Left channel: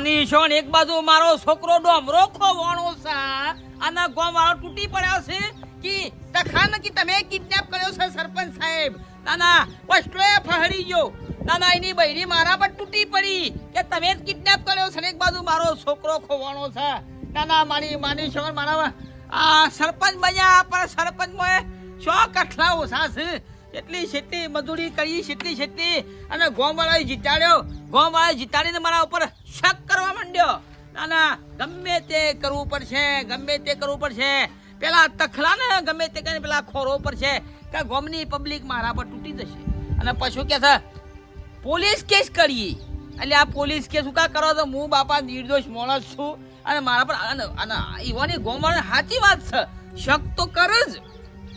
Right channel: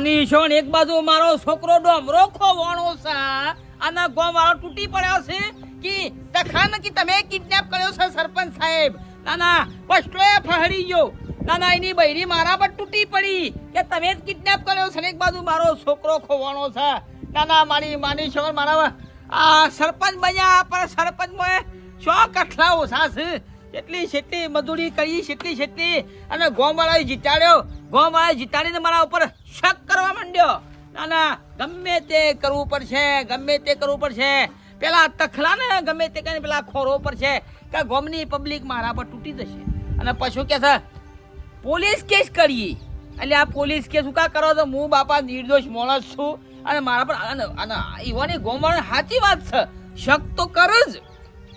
માની છો ને એક બાજુ મારો છોકરો ડોમરો ખોવાણો છે અને ગોમ વાળો તૂટી પડ્યો છે કે તખાન કે તમે કિડનેપ કર્યો છે સરપંચ સાહેબ. નાના વસ્તુએ ફહરી ગયો. નાના એની બૈરી મારા પર તૂટી પડી કે તમે જ કિડનેપ કર્યો છે ને એક બાજુ મારો છોકરો ખોવાણો છે. નાના માની છો મારા આ સરપંચ બન્યા પણ સરપંચમાં શો કઠલા ઓછા છે. જેટલી મજૂરી કરી જેટલી અને ગોમવાળાએ જીતાડ્યો. ગોમવાળાએ જીતાડીને મારા ઉપર શક કરવા માંડ્યો. ના ગમે તે કરવું પડશે પેલા તખલા ને ગમે તે કરીને પેલા ખોરો પડશે કે ગોમની પબ્લિક મારા પર તૂટી જશે. અને પછી કે છે પોલીસ કેસ કરીએ. એટલે આ પોલીસ કેસ શું કા કરો તો હું બાપા નિર્દોષ માણસ છું અને મારા પર ઈવાની ગોમવાળા સાચી વાત છે. શક તો કર જ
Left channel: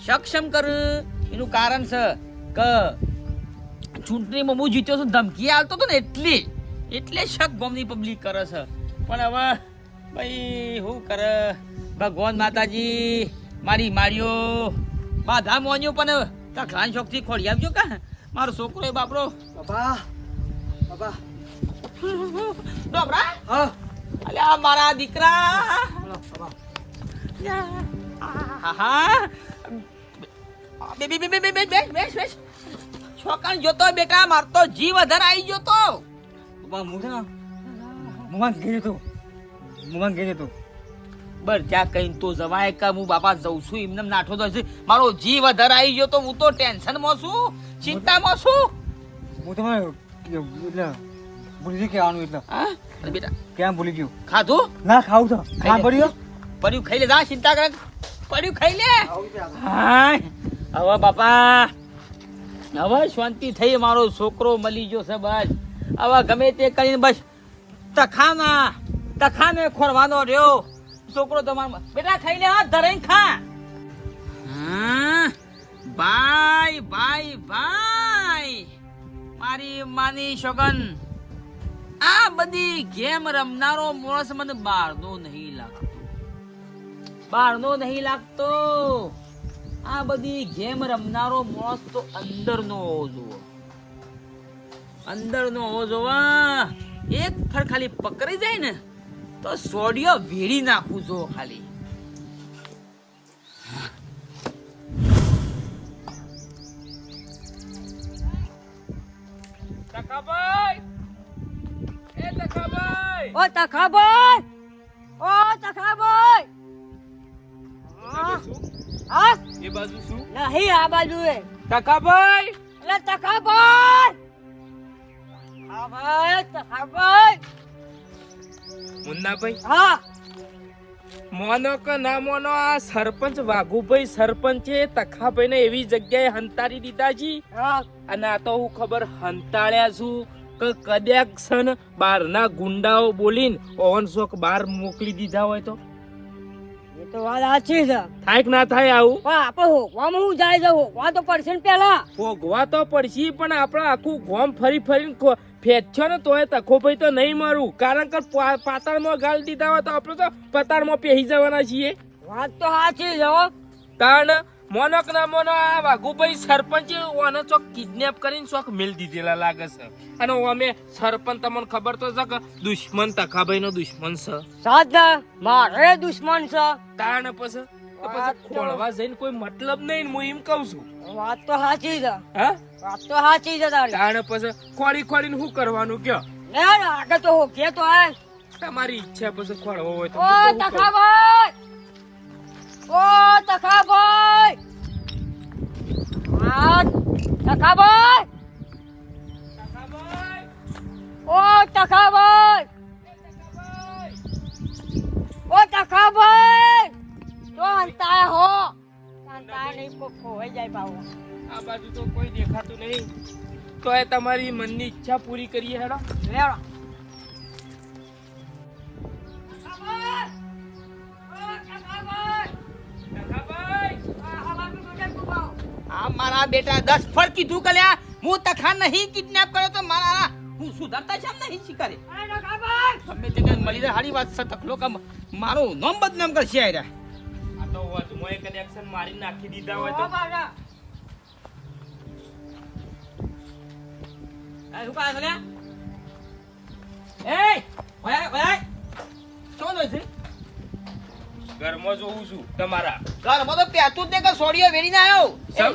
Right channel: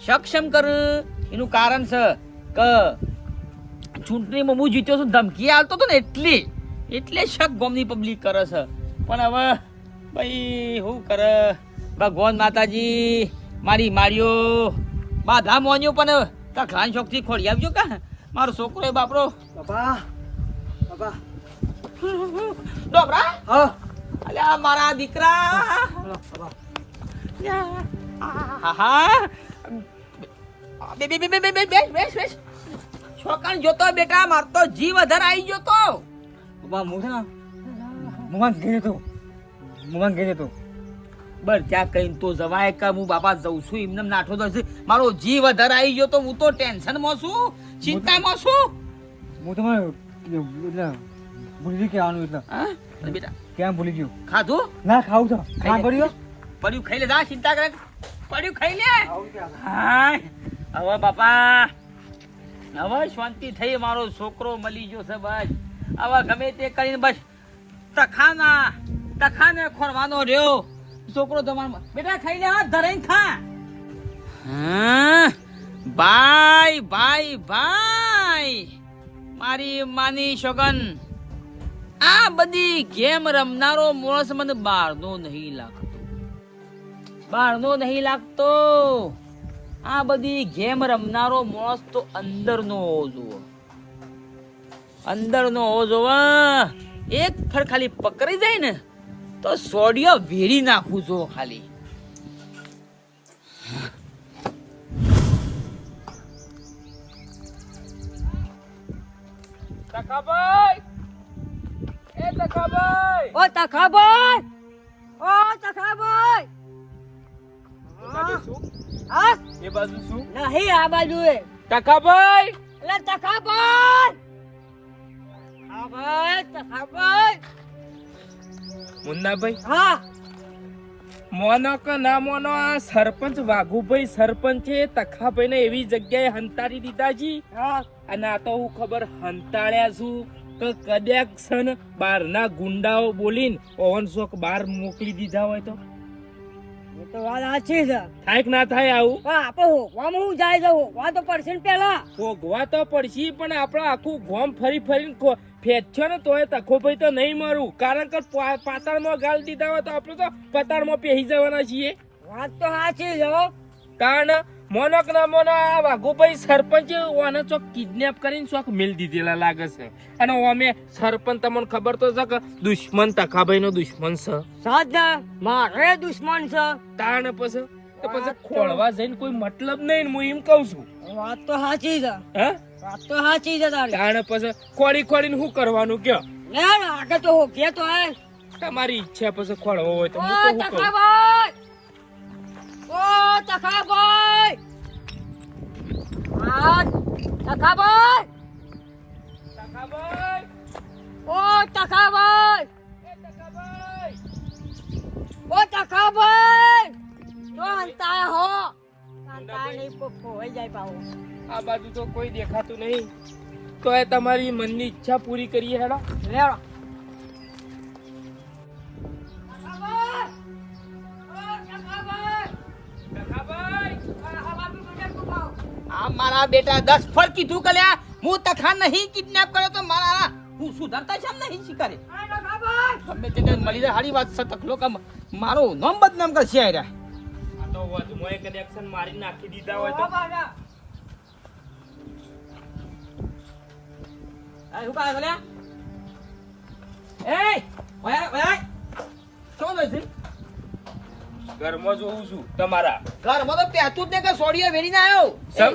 સક્ષમ કર. એનું કારણ છે કે ચૂંટણીમાં હું જીત્યો છું ધમકી આવતો હતો ને એટલે શક ગોમની પબ્લિક કરે છે. પણ હવે ભાઈ શું કરે ભગવાન માતાજી મારી માર્યો બાધા મોન્યો પણ તખલાન શોખથી ખોડી આવજો કા મારો છોકરો એ બાપરો બાપા ડોબરા હા અલ્યા મારા દીકરા બાપા હા બેસ છોકરા જોતો બેટા માર તો જીવ વધારે આવી ગયો તો બાપા મોમાં ગઈ તો બર ત્યાં કઈ તો જવાય કે હું બાપા જઉં છું એમને નાઠો તો મારો જીવ વધારે આવી ગયો તો હું તો ટેન્શનમાં છું ચિંતામાં છું. હું તમારે એટલે ભૂલી ગયું કે આનું એટલે બેટા ક્યાં ભૂલી ગયું ખાધું ના ખાવું તો ખા પડ્યું પડ્યું ખાઈ લે જા ચિંતા કરે પડ્યું ખાઈ લે. હવે બાપા હવે શાંતિ થઈ મારો છોકરો મળી ગયો છે. બસ હવે ગમે તે કરીને બસ તખાને ખોરવાનો રહ્યો છોકરો તમારો. બેટા ખાઈ લે હાથ ધરાઈને ખા. ભાઈ મારી માની શોગન આ બધી ગેમ રમનારો માણસ મને બહારનો નહીં લાગતો. આ બધી ગેમ રમનારો માણસ તો અંદરનો હોવો જોવે. એક ફર ખાલી પકડી જાય ને તો સોડિયો વેરી નાખું જો ખાલી. તખાભાઈ ઓ તખાભાઈ હા એ બાજુ શું નહીં આ બાજુ એ તખાભાઈ એટલે તખાભાઈ મુન્નાભાઈ હા મોનો કે ના મોનો આ સરપંચ વાઘુભાઈ સરપંચે તખાભાઈ ને એવી જગ્યાએ હંતારી દીધા છે હા અને આ તો હું ખબર હંતાળ્યા છું કે કદાચ છે ને બહારના ગુંડાઓ બોલીને ઓવન શોક બહાર મોકલી દીધા હોય તો એ તો વાત સાચી છે થાય કે ના થાય આવું. પણ આપણે હોકવામાં હું જાય છે હોકવા તો પડશે ને પેલા ભોગવા તો પડશે પણ આપણે આખું ગોમ ફરીને ફેંચ્યો ને તોય તખોભાઈ તો નહીં મારું કારણ કે પાતાળમાં ગાળ દીધા હોય તો આપણે તો પતાળમાં પહેરી જવાના છીએ. વાત તો સાચી છે હો. કારણ મોનક ના મોનો આ વાઘુભાઈ સરપંચ ઓને ચોક કિડનેપ કરીને ચોક મેલ દીધેલા લાગે છે. અને અમે સરપંચ તમને ખબર તો છે કે દુશ્મન તખાભાઈ નો દુશ્મન છે. સાદા મારે દુશ્મન છે તાણ પછી ખોળવા જઈને કોઈ મતલબ નહીં હું એમ કઉ છું. વાત તો સાચી છે હા વાત તો સાચી છે તારી. તાણ પછી ખોળીને શું કરવાનું કયો ને આગળ તો હોકે તો હે તમારી ઈચ્છા પછી ખોળવો હોય તો ઓ હું તો શું કરું. તખાભાઈ હા તખાભાઈ ઓ તખાભાઈ તો અંતા હો અંતા નહીં ખોવાઈ જાય પાવો. આ બાજુ તો કોઈ દેખાતું નહીં તો એ તમારી મનની ઈચ્છા પૂરી કરીએ હેડો. લેવા આ મારા બેટા 10 ફળ કીધું કલ્યા હું તખા નહીં કિડનેપ કર્યો તો મારા હું સુધરતા છે નહીં શીખરે ગમે તે મળી જાય હારી વાત છે. તખલો કે મારો નામ બદનામ કરશે આ તો વજમો એક એક્શન મારી નાખી દીધા હોય તો શું કાય કલ્યા એ ઓય ઓય શું જોઈ છે ઘરમાં જોઉં છું તમારા. ઘરમાં તો પેતું જ ને કે સોડીએ વેરીને આવ્યો સર?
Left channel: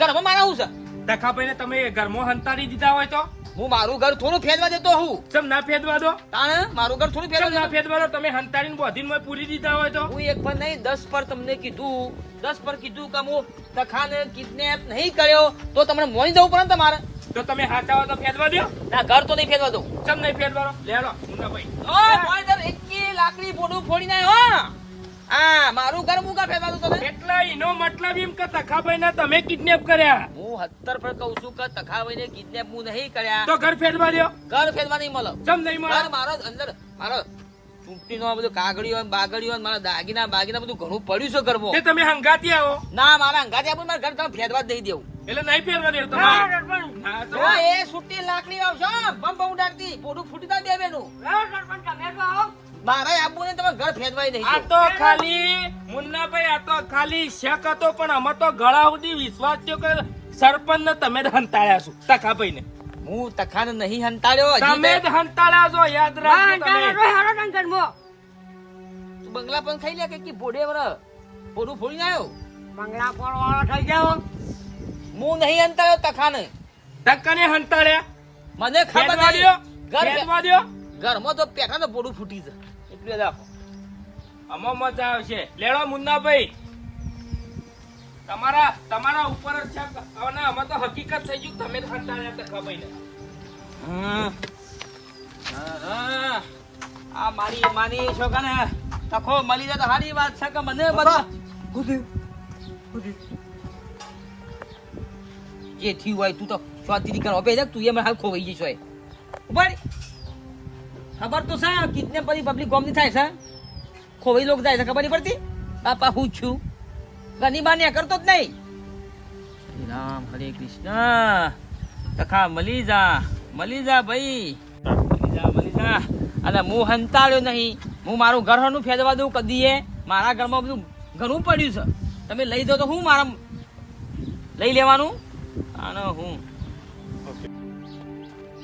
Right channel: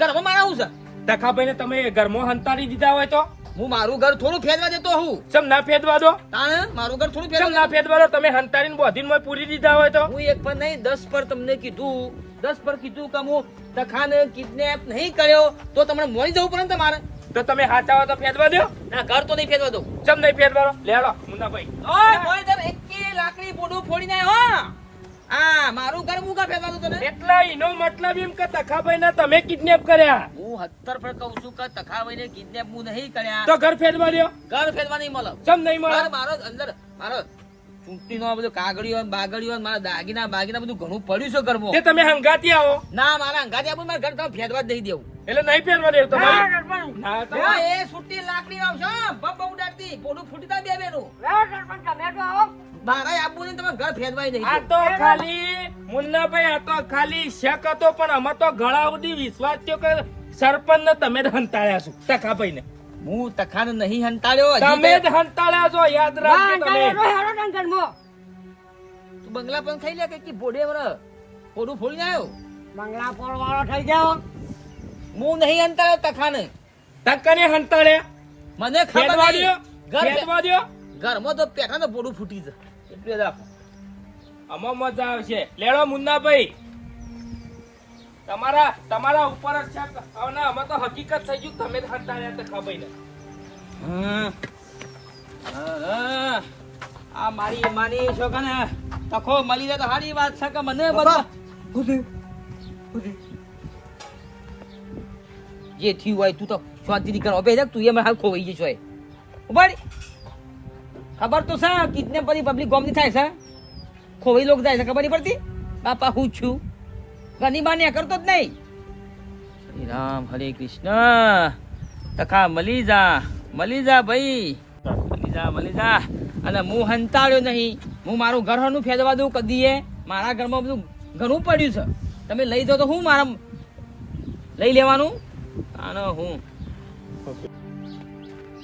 ઘરમાં મારા હું છે તખાભાઈને તમે ઘરમાં હંતાડી દીધા હોય તો હું મારું ઘર થોડું ફેરવા દેતો હું ચમ ના ફેદવા દો? તાણે મારું ઘર થોડું ચમ ફેરવા ના ફેદવા દો? તમે હંતાડીને બોધીને પૂરી દીધા હોય તો હું એક પર નહીં 10 પર તમને કીધું 10 પર કીધું કે હું તખાને કિડનેપ નહીં કર્યો તો તમને મોની જવું પડે ને તમારે તો તમે હાચા હોય તો ફેદવા દો. ના ઘર તો નહીં ફેરવા દઉં ચમ નહીં ફેદવા દો? લેવડો મુન્નાભાઈ. ઓય મોય તને એકી લાકડી બોડું ફોડી નાય હો હા મારું ઘર હું કા ફેરવા દઉં તને એટલે એનો મતલબ એમ કે તખાભાઈને તમે કિડનેપ કર્યા હું 70 પર કહું છું કે તખાભાઈને કિડનેપ હું નહીં કર્યા તો ઘર ફેદવા દો. ઘર ફેરવા નહીં મળે ચમ નહીં મળે? ઘર મારો અંદર મારો ચૂંટણીનો બધું કાગળીઓ ને બાગળીઓ ને મારા દાગીના બધું ઘણું પડ્યું છે ઘરમાં તે તમે હંગાતી આવો ના મારા અંગાથી આપું મારા ઘર તમે ફેરવા જ નહીં દેવું એટલે નહીં ફેરવા દેવું તમારે. ના તો જો એ સુટ્ટી લાકડી આવશો બમ બમ ઉડાડતી પોડું ફૂટી તા દેવેનું મારા આબુ ને તમે ઘર ફેરવાય નહીં આ દેવું. તો ખાલી મુન્નાભાઈ આ તો ખાલી શક હતો પણ અમે તો ગળા સુધી વિશ્વાસ થયો કે સરપંચ ને તમે જ હંતાડ્યા છો તખાભાઈ ને. હું તખાને નહીં હંતાડ્યો હજી તમે જ હંતાડ્યા છો યાદ રાખજો તમે. તું બંગલા પણ ખાઈ લે કે ભોડે વર પોડું ફોડીને આવ્યો મંગળા પર વાળો થઈ જાવ હું નહીં હંતાડ્યો તખાને તકને હંતાડ્યા મને ખબર ફેદવા નહીં. દ્યો ઘર ફેદવા દ્યો. ઘરમાં તો પેઠા તો પોડું ફૂટી છે એટલે જ આપો આમાં મજા આવશે. લેડો મુન્નાભાઈ તમારા ઉપર જ છે અને અમે તો હકીકત થઈ ગયું તમે જ હંતાડ્યા તખાભાઈ ને. આ મારી માની છોકરાને તખો મળી જાય તો સારી વાત છે કે મને બધા જે થયું હોય તું તો શાંતિથી કરો બે તું એમ હાલ ખોવાઈ જઈશ હોય ઉભાડી ખબર તો છે કિડનેપ બધી પબ્લિક ગોમની થાય છે ખોવાઈ લોક જાય છે ખબર નહીં પડતી બાપા હું છું ઘણી બાને કરતો જ નહીં હરે રામ હરે કૃષ્ણ તખા મળી જા ભાઈ મળી જા અને હું હંતાડ્યો નહીં હું મારું ઘર હનું ફેરવા દઉં કદીએ મારા ઘરમાં બધું ઘણું પડ્યું છે તમે લઈ દો તો હું મારા લઈ લેવાનું આનો હું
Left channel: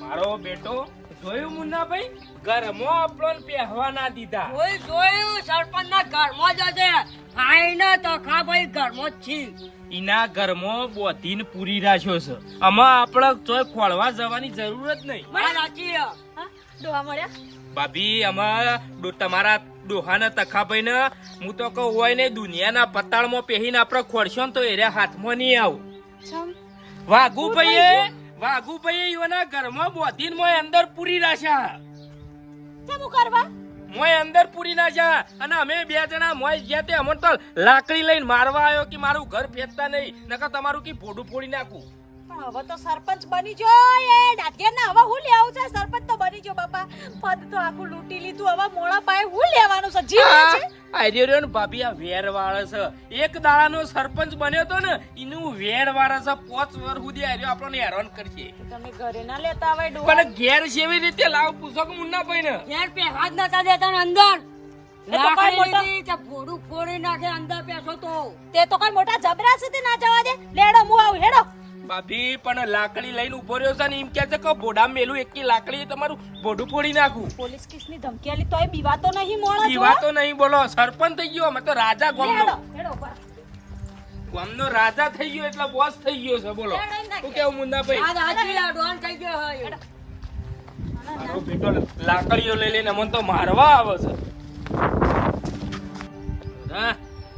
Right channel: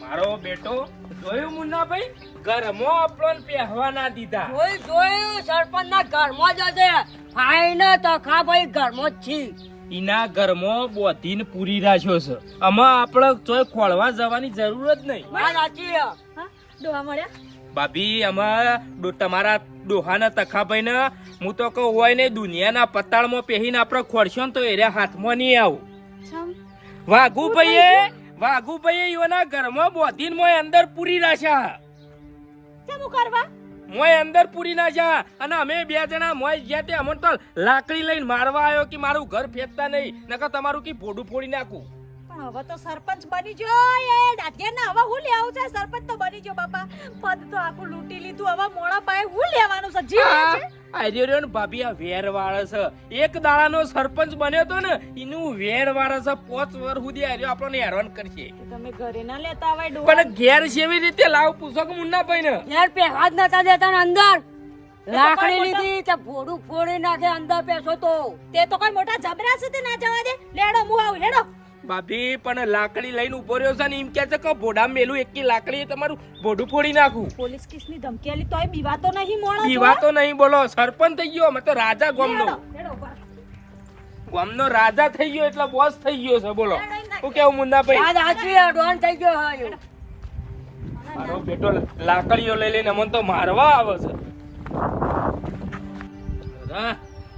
મારો બેટો જોયું મુન્નાભાઈ ઘરમાં આપણને પહેવા ના દીધા. જોયું સરપંચ ના ઘરમાં જ હશે ફાઈને તખા ભાઈ ઘરમાં જ છે એના ઘરમાં બોધીને પૂરી રાખ્યો છે. આમાં આપણે ચોય ખોળવા જવાની જરૂર જ નહીં. વાત સાચી છે. ડોહા મળ્યા ભાભી આમાં તમારા ડોહાના તખાભાઈ ને હું તો કહું હોય ને દુનિયાના પતાળમાં પહેરીને આપણે ખોડશો ને તો એના હાથમાં નહીં આવું. વાઘુભાઈએ એના ઘરમાં બોધીને મોય અંદર પૂરી રાખ્યા. શું કરવા મોય અંદર પૂરી નાખ્યા અને અમે બે જણા મોય ગયા તે અમને તો લાકડી લઈને મારવા આવ્યો કે મારું ઘર ફેંકતા નહીં નકર તમારું કી ભોડું ફોડી નાખું. પણ હવે તો સરપંચ બની જો એ દાદિયાના હવે હું લેવું છે સરપંચ તો બની જો બાપા પદ તો આખું લૂંટી લીધું હવે મોળા પાયે હું લેવાનું છે જીવ છે આર્યો ને ભાભી આ વેર વાળે છે. એક દાડાનો સરપંચ બન્યો તો ને એનું વેર વાળે છે. 5 વર્ષ સુધી આર્યો આપણને હેરાન કરશે. તમે ઘરે ના લેતા આવે ડોહા પણ ઘેર કેવી રીતે લાવ પૂછો કે મુન્નાભાઈ ને. યાર પહેવા જ નતા દેતા ને અંદર લાકડી લીધી તે ભોડું ફોડી નાખે અંદર પેસો તો તે તો કઈ મોટા જબરા છે તે ના જવા દે લેડો હું આવું હેડો ભાભી પણ લાકડી લઈને ઉભો રહ્યો છે ને એમ કે છે કે ભોડા મેલું એકી લાકડી તમારું ભોડું ફોડી નાખું. પોલીસ કેસની ધમકી આલી તોય બીવાતો નહીં મોળો પીવા તો નહીં બોલો. સરપંચ થઈ ગયો અમે તો રાજા ગામનો હેડો બસ ગામનો રાજા થઈ ગયો એટલે બોસ થઈ ગયો છે. બોલો શું કેવું મુન્નાભાઈ? વાત સાચી છે. ડોન થઈ ગયો હા એવું. મારો બેટો લાકડીઓ લઈ લઈને અમને તો મારવા આવે છે.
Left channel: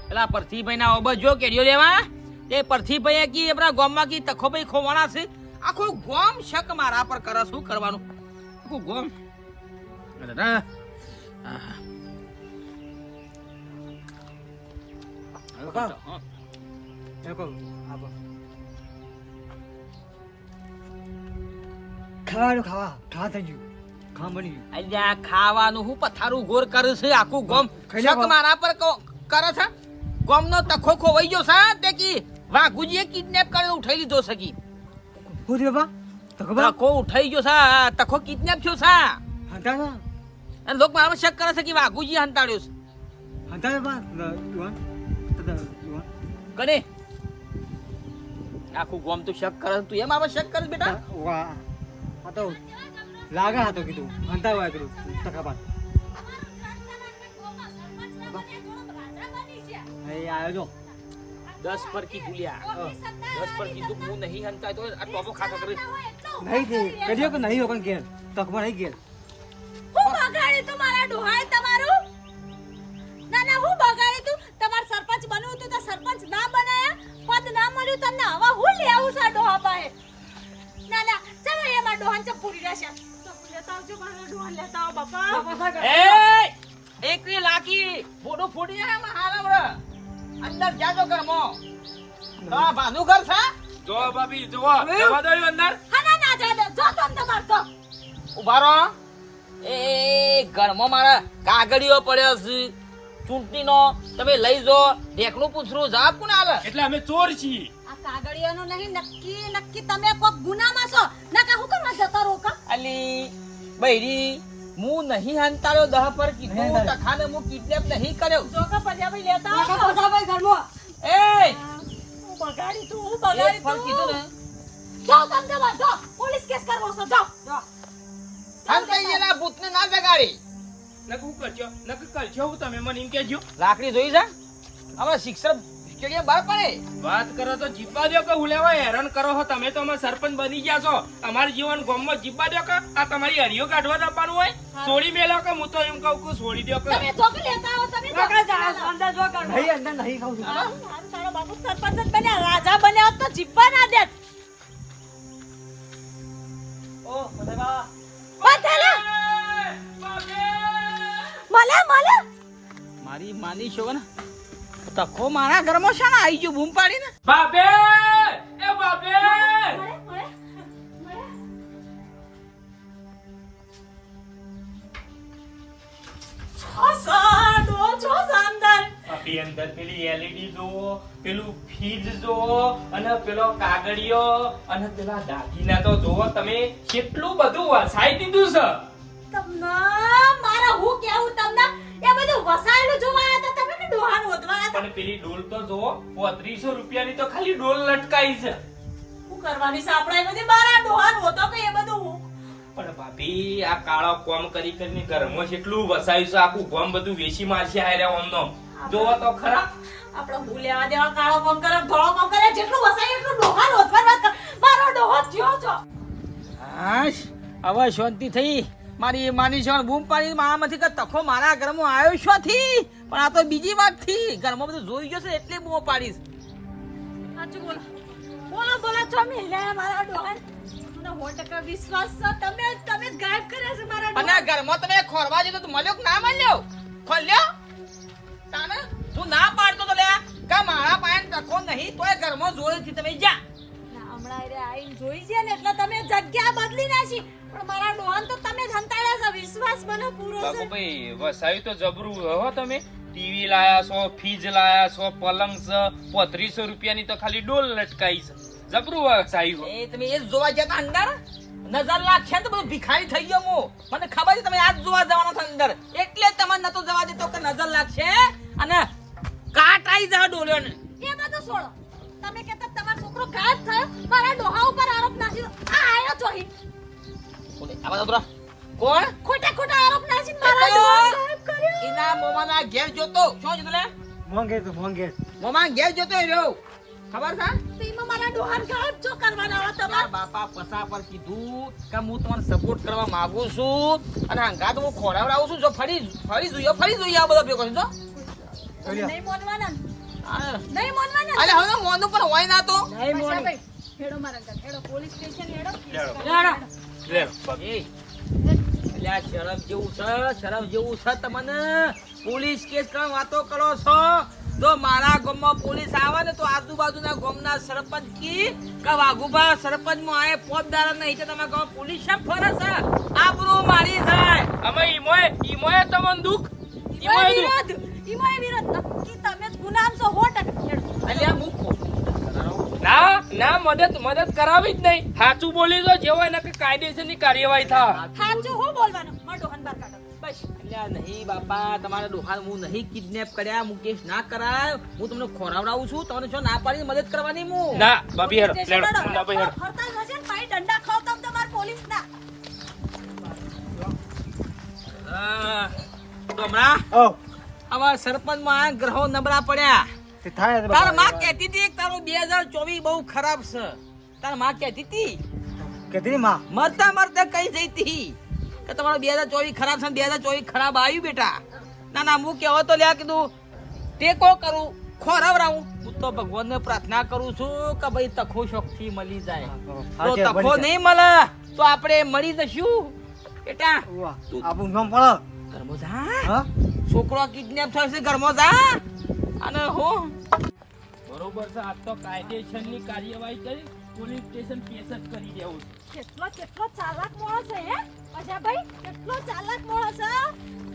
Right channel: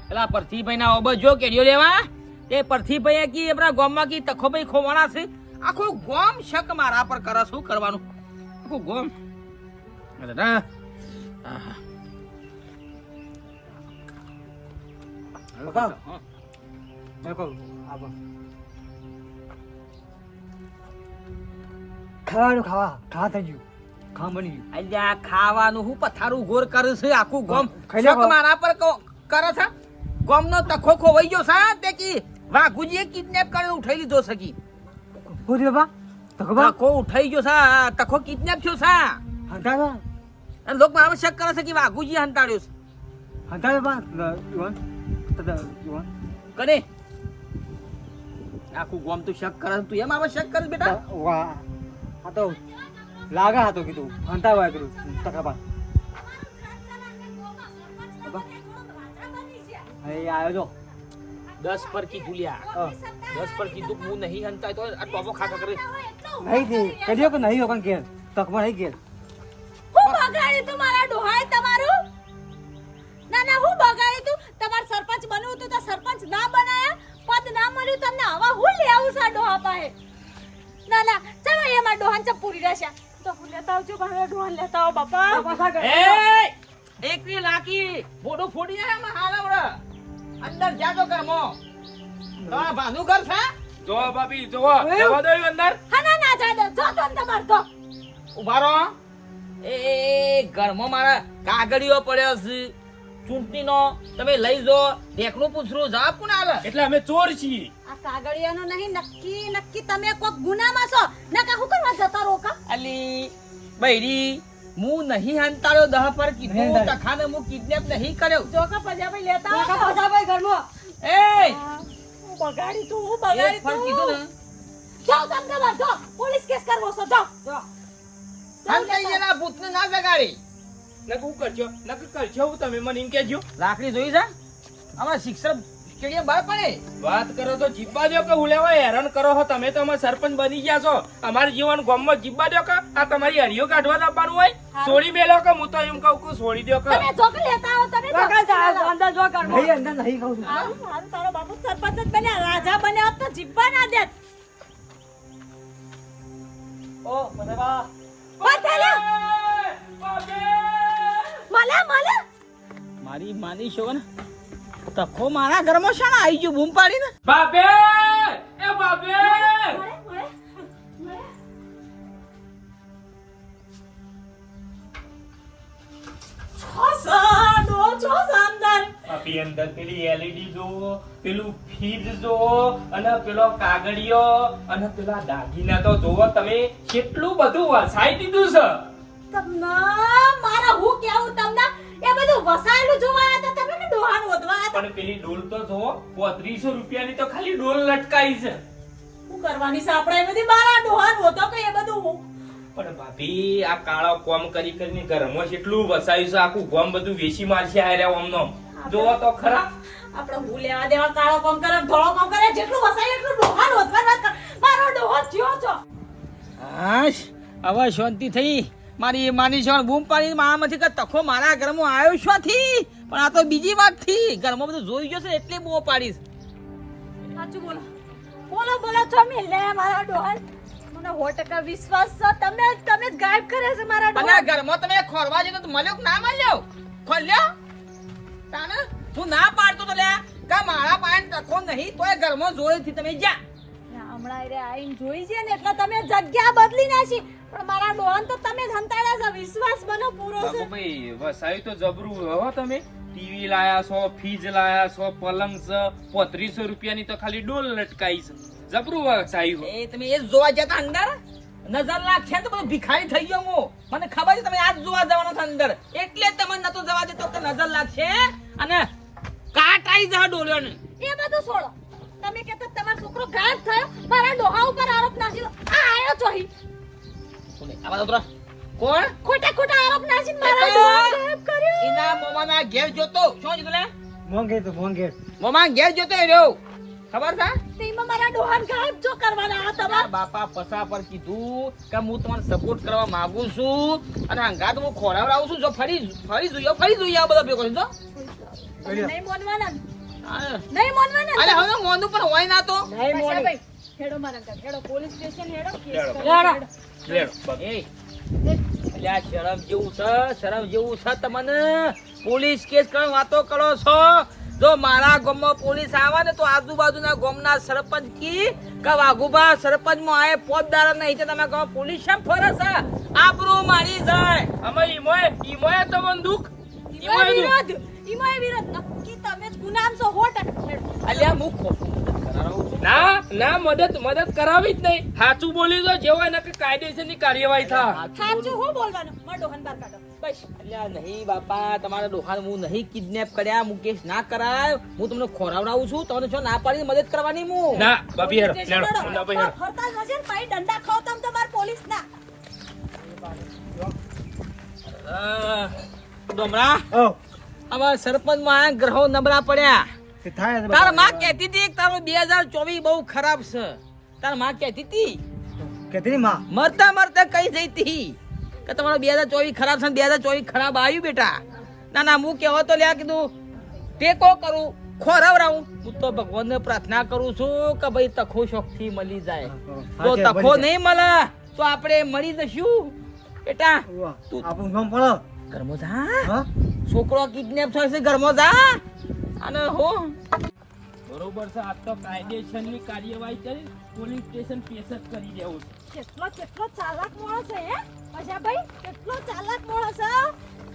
પેલા પરથીભાઈ ના ઓબો જો કેડિયો લેવા તે પરથીભાઈ કી આપણા ગામમાં કી તખોભાઈ ખોવાણા છે. આખું ગામ શક મારા પર કરે શું કરવાનું આખું ગામ અરે ના આહા. પપ્પા. દેખો આબા ખાવા થઈ ગયું ખાવા બની ગયું અલ્યા ખાવાનું હું પથારું ગોર કરે છે આખું ગામ ખાઈ લે શક મારા પર કરે છે. ગામનો તખો ખોવાઈ ગયો છે તે કી વાઘુજીએ કિડનેપ કરીને ઉઠાઈ લીધો છે કી હું થયું બાપા તો ખબર તખો ઉઠાઈ ગયો છે તખો કિડનેપ થયો છે હંતા અને લોક મારા શક કરે છે કે વાઘુજી હંતાડ્યો છે હંતા બાપા યુવાન યુવાન કરે આખું ગામ તો શક કરે તું એમ આમાં શક કરે બેટા વાહ આ તો લાગા હતો કીધું હંતા વાય કરું તકાબાદ અહીં આવ્યો જો 10 પર કીધું લ્યા 10 પર કીધું હું નહીં હંતાય તો આ ટોપો ખાખા કરે નહીં થી કઢ્યો કે નહીં હોકન ઘેર તકમાં નહીં ઘેર હું બગાડી તું મારા ડોહાએ તમારું ના ના હું બગાડી તું તમાર સરપંચ બનવું તું તો સરપંચ ના બનાયા પદ ના મળ્યું તમને હવા હું લઈ આવું સા ડોહા પાસે ના ના ચાલો એમાં ડોહાન ચપ પૂરી રહેશે તો હું લેતા આવજો પણ ડોહાન લેતા આવો બાપા એ એકની લાકી ફોટો ફોડી આયા માં હાલમડા અંદર જાજો કરમો તા ભાનુ ઘર છે જો ભાભી જો જવા દો ઈ અંદર. હા ના ના જા દે જો તમને કરજો ઉભા રહો એ ઘરમાં મારા કાગળિયો પડ્યો છે ચૂંટણીનો તમે લઈ જો દેખનું પૂછરું જવાબ કોને આલે એટલે અમે ચોર છીએ. આ કાગળિયાનો નહીં નક્કી તમે કોક ગુનામાં છો ના કા હું કરવા જતા રોકા અલી બૈરી હું નહીં હંતાળ્યો 10 પર નહીં કીધું હંતાળ્યો. તખાને હું કિડનેપ નહીં કર્યો જોકા પજાભાઈ લેતા કાકા આવો પસાભાઈ ઘરમાં એ હું બગાડી તું હું એક બગાડી પર કીધું તું ને જાઓ તમે તમાર જો પોલીસ કેસ કરવો છો જાઓ હંતાઈ જેના ભૂતને ના જગાડી નકર હું કરજો હું તમે મને એમ કહેજો. લાકડી જોઈ જા હવે શિક્ષક સ્ટેડિયમ બહાર પડે વાત કરો તો જીતવા દો કે હું લેવા હેરાન કરો છો તમે તો અમારા સરપંચ બની ગયા છો અમારા જીવન ગામમાં જીતવા દો કે આ તમારી હરિયો કાઢવા આપવાનું હોય છોડી મેલો કે હું તો એમ કહું કે છોડી દો કે તમે જોકે લેતા આવો તમે કાકા જા અંદર જો ઘરમાં નહીં અંદર નહીં ખાઉં છું હારું તારો બાપુ સરપંચ જ બન્યા રાજા બન્યા હોત તો જીવવા ના દે મને મારી માની છો ને તખો મારા ઘરમાં છે ને આવી ગયું બૂમ પાડીને બાબે એ બાબે આપી અંદર પેલી એલઈડી જોવો પેલું ફ્રીજ જોવો અને પેલો કાગળિયો અને પેલા દાગીના તો જોવો તમે કેટલું બધું વસાઈ દીધું છે. મારા હું કેવું તમને એ બધું વસાયેલું જોવા આયા તા તમે કે ડોહાન ઓદવા આયા તા પણ પેલી ડોલ તો જોવો 3500 રૂપિયાની તો ખાલી ડોલ લટકાઈ છે. શું કરવાની છે આપણે એ બધી મારા ડોહાન હોતો કે એ બધું પણ ભાભી આ કાળા કોમ કરી કરીને ઘરમાં કેટલું વસાયું છે આખું ગામ બધું વેચી મારશે હાર્યા ઓમનો જોવો તો ખરા. આપણે હું લેવા દેવા કાળો કામ કરે ધોળો કામ કરે જેટલું વસાય એટલું ડોહાન હોતવા વાત કર મારો ડોહો થયો છો હાશ હવે શાંતિ થઈ મારી માની છો બૂમ પાડી મારામાંથી કે તખો મારા ઘરમાં આવ્યો શોથી પણ આ તો બીજી વાત થી ઘરમાં બધું જોઈ ગયો છે એટલે બૂમ પાડીશ સાચું બોલો બોલો છો મે લે મારા ડોહાન મને 100% વિશ્વાસ છે તમે જ ગાયબ કરે છે મારા અને ડોહાન ઘરમાં તમે ખોરવા જતો તો મળ્યો કે ના મળ્યો ખોલ્યો તાને તું ના પાડતો તો લે કે મારા પાયન તખો નહીં તોય ઘરમાં જોડેથી તમે જા ના હમણાં રે આઈને જોઈ છે ને એટલે તમે જગ્યા બદલી નાખી પણ મારા ડોહાન તો તમે જ હંતાડ્યા છે વિશ્વાસ બનો પૂરો છે બાબુભાઈ વસાયું તો જબરું હો તમે ટીવી લાયા છો ફ્રીજ લાયા છો પલંગ છે 3500 રૂપિયાની તો ખાલી ડોલ લટકાઈ છે જબરું વસાયું. એ તમે એ જોવા જતા અંદર નજર લાગશે તો બધું ભિખારી થઈ ગયો હું મને ખબર છે તમે આજ જોવા જવાનો છો અંદર એટલે જ તમને નતો જવા દેતો કે નજર લાગશે અને કાટ આવી જા ડોલ્યો ને એ બધું છોડો તમે કહેતા તમારો છોકરો ગાયબ થયો મારા ડોહા ઉપર આરોપ નાખ્યો આ આયો ચોહી આ બધા તોરા કોણ ખોટા આરોપ નાખીને મારા ડોહા ગાયબ કર્યો એના મોમાના ઘેર જોતો શું જોતો લે મોંઘે મોમા ઘેર જોતો એ રહ્યો ખબર છે તેમાં મારા ડોહા ગાયબ જો કરવાના આ તમાર તમારા બાપા પસા પર કીધું કે હું તમને સપોર્ટ કરવા માંગુ છું અને હંગાત હું ખોરાવડાવું છું જો ફરી જોઈએ આ બધા ભેગો છે જો નહીં મોનવાના હા. નહીં મોનવાના અરે હવે મોંધું પણ હોય ના તો નહીં મોની ભાઈ હેડો મારા ઘર હેડો પોલીસ સ્ટેશન હેડો કેસ હેડો. કરો હેડો. લે એ એટલે આ શરમ જેવું છે તમને પોલીસ કેસ કરવા વાતો કરો છો જો મારા ગામમાં પોલીસ આવે ને તો આજુબાજુના ગામના સરપંચ કી કે વાઘુભા સરપંચ માં આય પોતદાર નહીં તો તમે કહો પોલીસ શેમ ફરે છે આબરૂ મારી જાય અમે ઈમોએ તમને દુખ ઈમાય વિરોધ નક્કી તમે જ ગુનામ છો 100% હેડો અલ્યા મુખો ના મદદ કરાવી જ નહીં સાચું બોલી દો જેવો એને કાયદેસરની કાર્યવાહી થાય. સાચું હું બોલવાનું મારો ડોહન બાર કાઢો બસ અલ્યા નહીં બાપા તમારા ડોહાને હું નહીં કિડનેપ કર્યા મુકેશ ના કરાય હું તમને ખોરાવડાવું છું તમને શું ના પાડીને મદદ કરવાની હું ના બાબી હેડો સ્ટેશન લેડો હેડો. મુન્નાભાઈ હેડો. ફરતા જશે ને ભાઈ દંડા ખાવ તમ તમાર પોલીસ ના ડોમરા ઓ હવે સરપંચમાં આ ગ્રહો નબળા પડ્યા. તે થાય તો તાર બાપા. માં કહેતી હતી કે તારું 2024 બહુ ખરાબ છે. તાર માં કહેતી હતી કદી માં મરતા મરતા કઈ જઈ હતી કે તમારો 2024 ખરાબ છે ને 2024 ખરાબ આવ્યું બેટા. ના ના હું કહેવો તો લ્યા કીધું ટેકો કરું ખોરાવરાવું. હું તો ભગવાનને પ્રાર્થના કરું છું કે ભાઈ તખો શોખથી મળી જાય. તો તખો નહીં મળે તો આપણે મળી જશું બેટા. આપણું નામ પડે ઘરમાં જા, હા છોકરો કિડનેપ થયો છે, ઘરમાં જા. અને હો બરોબર છે. આ તો કાયદેસરની કાર્યવાહી કરી પોલીસ સ્ટેશન કેસ જ કરી દેવું છે. કેટલો ચાલાક માણસ છે હે અજાભાઈ, કેટલો ચાલાક માણસ છે.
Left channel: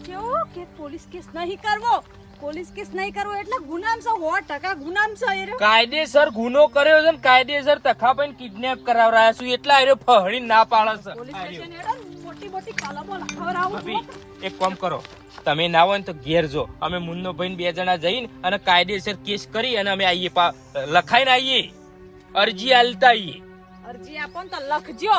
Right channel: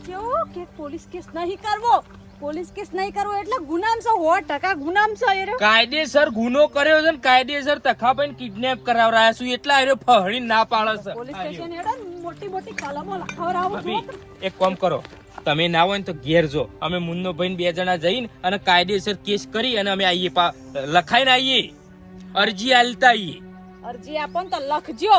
કેવું કે પોલીસ કેસ નહીં કરવો, પોલીસ કેસ નહીં કરવો એટલે ગુનામ છે, 100% ગુનામ છે એ રહ્યો. કાયદેસર ગુનો કર્યો છે ને કાયદેસર તખાભાઈ કિડનેપ કરાવરાયા છું એટલા એરો ફહડી ના પાડે છે. પોલીસ સ્ટેશન હેડો ને મોટી મોટી કલમો લખાવરાવું ભાભી છું. એક કામ કરો, તમે ના હોય ને તો ઘેર જો, અમે મુન્નો ભાઈ 2 જણા જઈને અને કાયદેસર કેસ કરી અને અમે આવીએ લખાઈને આવીએ, અરજી આલતા આવીએ. અરજી આપો ને તો લખજો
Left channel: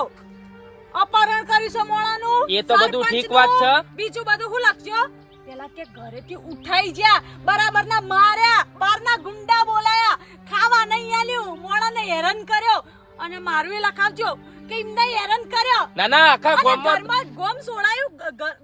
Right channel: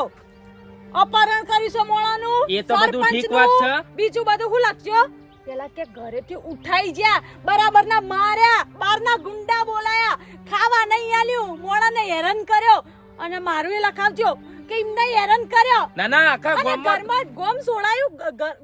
અપહરણ કર્યું છે મોળાનું, એ તો બધું ઠીક સરપંચનું. વાત છે. બીજું બધું હું લખજો પેલા કે ઘરેથી ઉઠાઈ ગયા, બરાબર ના માર્યા, બારના ગુંડા બોલાયા, ખાવા નહીં આલ્યું, મોળાને હેરાન કર્યો. અને મારું એ લખાવજો કે એમને હેરાન કર્યો. ના ના આખા અને ગામમાં ઘરમાં ગોમ સોડાયું,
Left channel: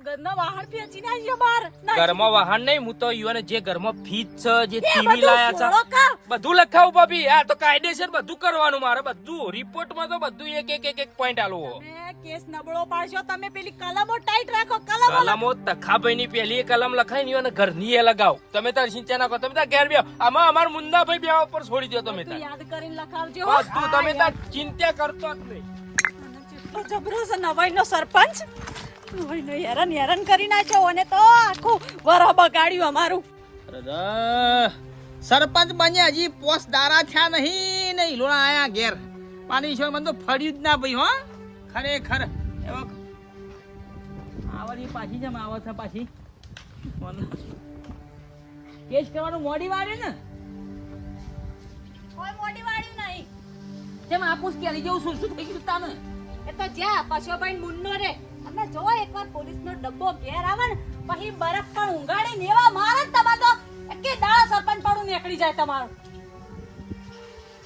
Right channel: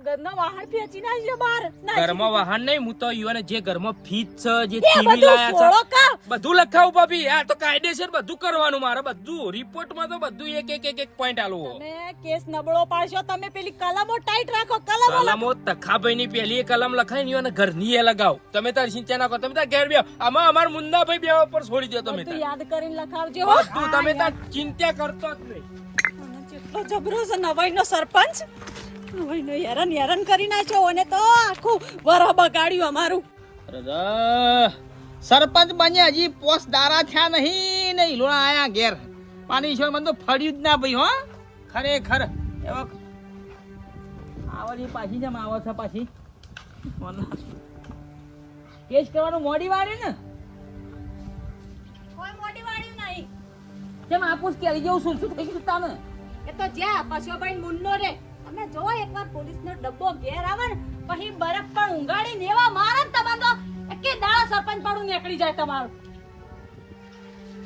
ઘરના વાહન ફેંચીને આવ્યો બહાર. ઘરમાં વાહન નહીં, હું તો યુવાને જે ઘરમાં ફીજ છે, જે એ ટીવી બધું લાયા સોળો છે કા. બધું લખાવું ભાભી. આ તો કાયદેસર બધું કરવાનું મારે, બધું રિપોર્ટમાં તો બધું એક પોઈન્ટ આલવો. તમે કેસ નબળો પાડશો, તમે પેલી કલમો ટાઈટ રાખો, કલમો લખો. કલમો તખાભાઈ ની પેલી કલમ લખાઈ ની અને ઘરની એ લગાવ. તમે તાર સિંચા નાખો, તમે તાર ઘેર બેહો. આમાં અમાર મુન્નાભાઈ બે ઉપર છોડી દો તમે બધું તાર. યાદ કરીને લખાવજો હો. બધું તમે તાર ચિંતા કરતો જ નહીં. અને કેટલો જબરો છે નવાઈનો સરપંચ, નવાઈનો હેરાન કરી નાખ્યો. અને તો આખું વરહ બગાડ્યું અમારું. અરે સરપંચ બન્યા હજી પોસ દારા થયા નહીં ને ઈલોણા આયા ઘેર. પાણી છે મને તો ફળ્યું જ ના ભાઈ. હો ખરેખર એવો આવડી પાછી જેમ આવે છે પાછી કેસ કરવાનું મોડી વાળ્યું ને કોઈ મોટી વાળ્યું નહીં. કેમ આપું કેરી જેવું શું શું થઈ ગયું તાને. એ તો જ્યાં પશુભાઈ મુન્નો રે, તમે જો એકવાર પોલીસનો ડબ્બો ઘેર આવે ને પછી બરફ પણ ઊંઘાડીને એવા મારે ને તમારે તો એકે દાડા સરપંચ પાડું નીકળી જાય તમારું.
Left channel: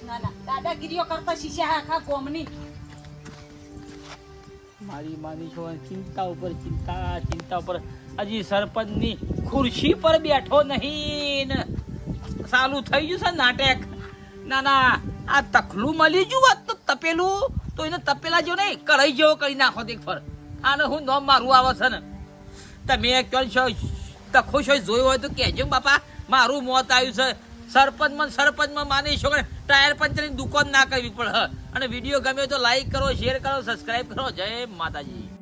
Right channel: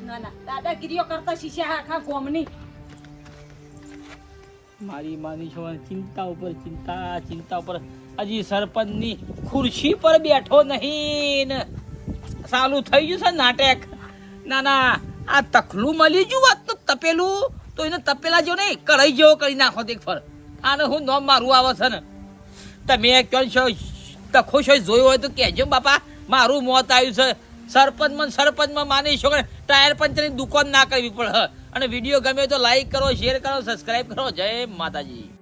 ના ના દાદાગીરીઓ કરતા શીશા આખા ગોમની. મારી માની છો ચિંતા ઉપર ચિંતા ઉપર હજી સરપંચની ખુરશી પર બેઠો નહીં ને ચાલુ થઈ ગયું છે નાટક. ના ના આ તખલું મળી ગયું હોત તો તપેલું તો એને તપેલા જેવો નહીં કઢાઈ જેવો કરી નાખો એક ફર. આને હું નોમ મારું આવે છે ને તમે ક્યાં છો તખો છો જોયો હોય તો કહેજો બાપા મારું મોત આવ્યું છે. સરપંચમાં માની છો કે ટાયર પંચરની દુકાન ના કરવી પડે. અને વિડીયો ગમે તો લાઈક કરો, શેર કરો, સબસ્ક્રાઇબ કરો. જય માતાજી.